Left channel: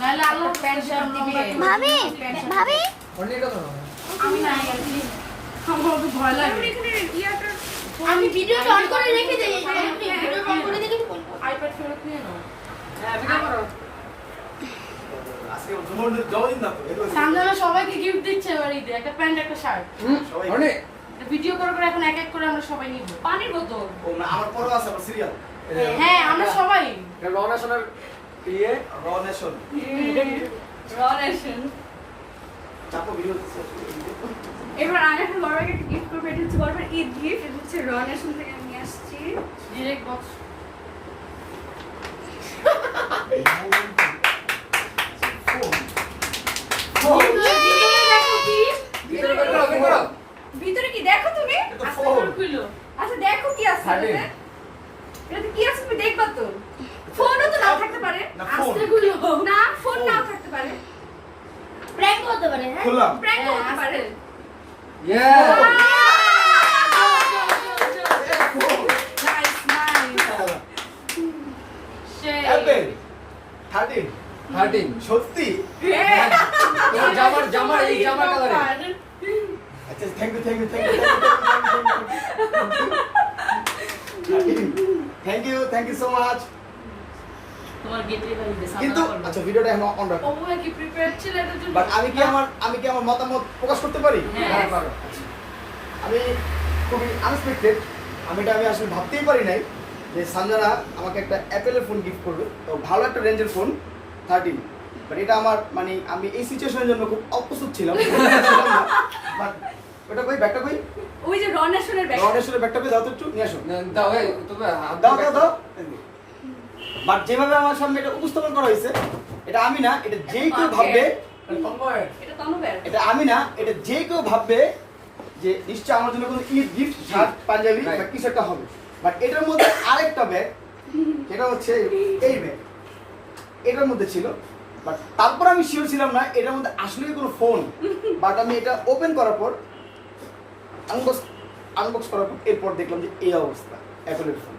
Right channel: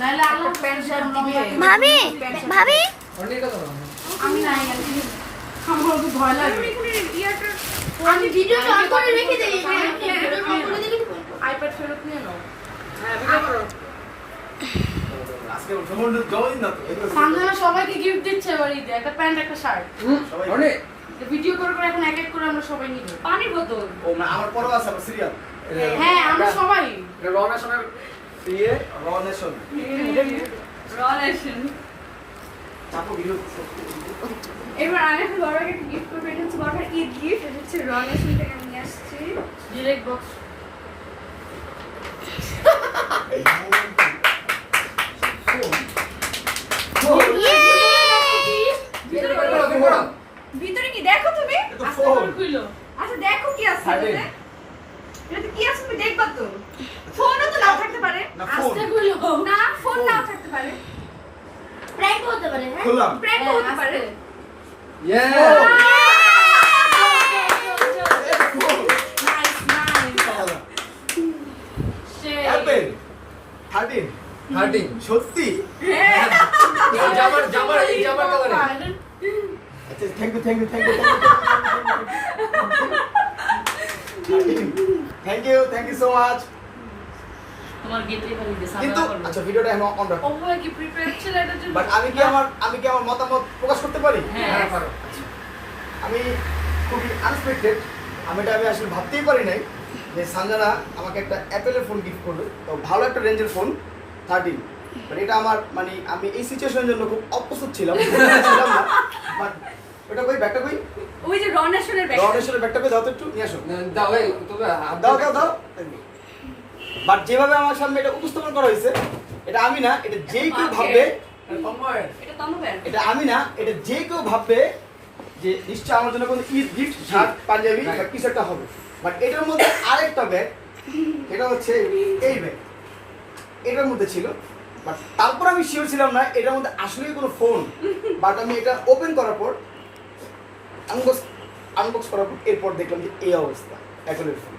নাইলে আল্লাহ pant shirt নিবে। ভাবি ভাবি আমি নাই আছি। আমার খুব ভয় লাগে। আমি ভিডিও অন করে রেখে দিই। আইপ্যাড ফেরত নিয়ে নাও। সামনে সবাইকে গিফট দিচ্ছে এবার ঈদে একটা প্যান্ট একটা শার্ট। ভিডিও করে করে এখন এক এক করে আমরা সবাই নিব। পানির বোতল। ও আমার পরও আছে আমার সিরিয়াল। হ্যাঁ আমরা সবাই। রনেশনের ইয়ে রনেশন। রনেশন। চাপো ভিডিও। এবার আমি এখন বড়কে একটা গিফট করবো, এটা হচ্ছে বড় ঈদ গিফট, এটা হচ্ছে রনেশন থেকে নিয়ে আসছি। Direct box. ভিতরে কি দেখো তুমি? আচ্ছা দেখো কি আছে এটাতে? এটাতে কি আছে তুমি দেখবা তো? ফোনও তো নাও থাকতে পারে। আস্তে গুলো। না ফোন নাও থাকতে পারে। প্র্যাঙ্ক হতে পারে হ্যাঁ খুললাম। প্র্যাঙ্ক হতে পারে। Nice nice. সেই অ্যাপেল 13 সত্যি জামার এই জামার কালারে আচ্ছা thank you thank you so much তোমার গেটে বাড়ি দে কিন্তু সামনে আচ্ছা ভিডিওটা এখন অন রাখো ওপো কি প্রিপেয়ার ছিল এটার জন্য বাট আমি কি আমার মতামত প্রকাশ করতে পারি হ্যাঁ পারো। আমি খুবই আনএক্সপেক্টেড আমি আসলে ভাবতেই পারি নাই যে সঞ্জনা আমাকে একটা অ্যাপেলের ফোন গিফট করবে তো ভালো একটা রেঞ্জের ফোন 13 বাট এটা আমার মানে আমি এই সিচুয়েশনের জন্য খুব অপ্রস্তুত ছিলাম বাট ওটা কই ব্যাগটা কই ওই যে রনেশনের ব্যাগ। রনেশ্বরের ব্যাগটা কই দাও তো একটু নিয়ে আসো দাও এই তবে হাত দাও বাট যেভাবে আমার সামনে এটা উপস্থাপন করা হয়েছে এটা আমি না এটা যেই কেউ ভাববে এটা তনু ব্যাগ। এটা আমি না এটা যে কেউ ভাববে যে নিশ্চয় আমার জন্য কোনো ঈদ গিফট শার্ট পাঞ্জাবি বা কিছু একটা হবে বাট এটার মধ্যে আরেকটা ব্যাগ এটা হচ্ছে এই ব্যাগ এটার মধ্যে ছিল বাট তারপর আমি শিওর ছিলাম না এটার মধ্যে আসলে কোনো ফোন বাট আমি এটা ওপেন করার পর আনবক্স করার পর এরপর দেখলাম যে এই অবস্থা অ্যাপলের ফোন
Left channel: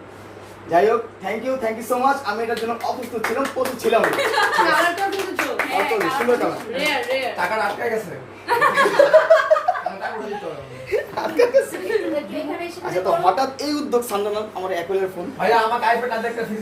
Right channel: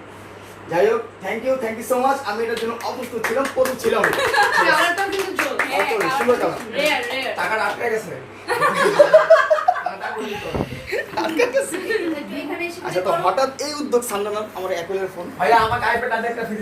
যাই হোক থ্যাংক ইউ সো মাচ আমি এটার জন্য অপ্রস্তুত ছিলাম প্রস্তুত ছিলাম না। কালারটাও কিন্তু জোর সুন্দর কালার রেয়ার টাকাটা আটকে গেছে এখানে এসে আচ্ছা তো হঠাৎ এই উদ্যোগ সামলালাম আমার অ্যাপলের ফোন ভাইয়া আমাকে আইপ্যাড আর একটা ফ্রি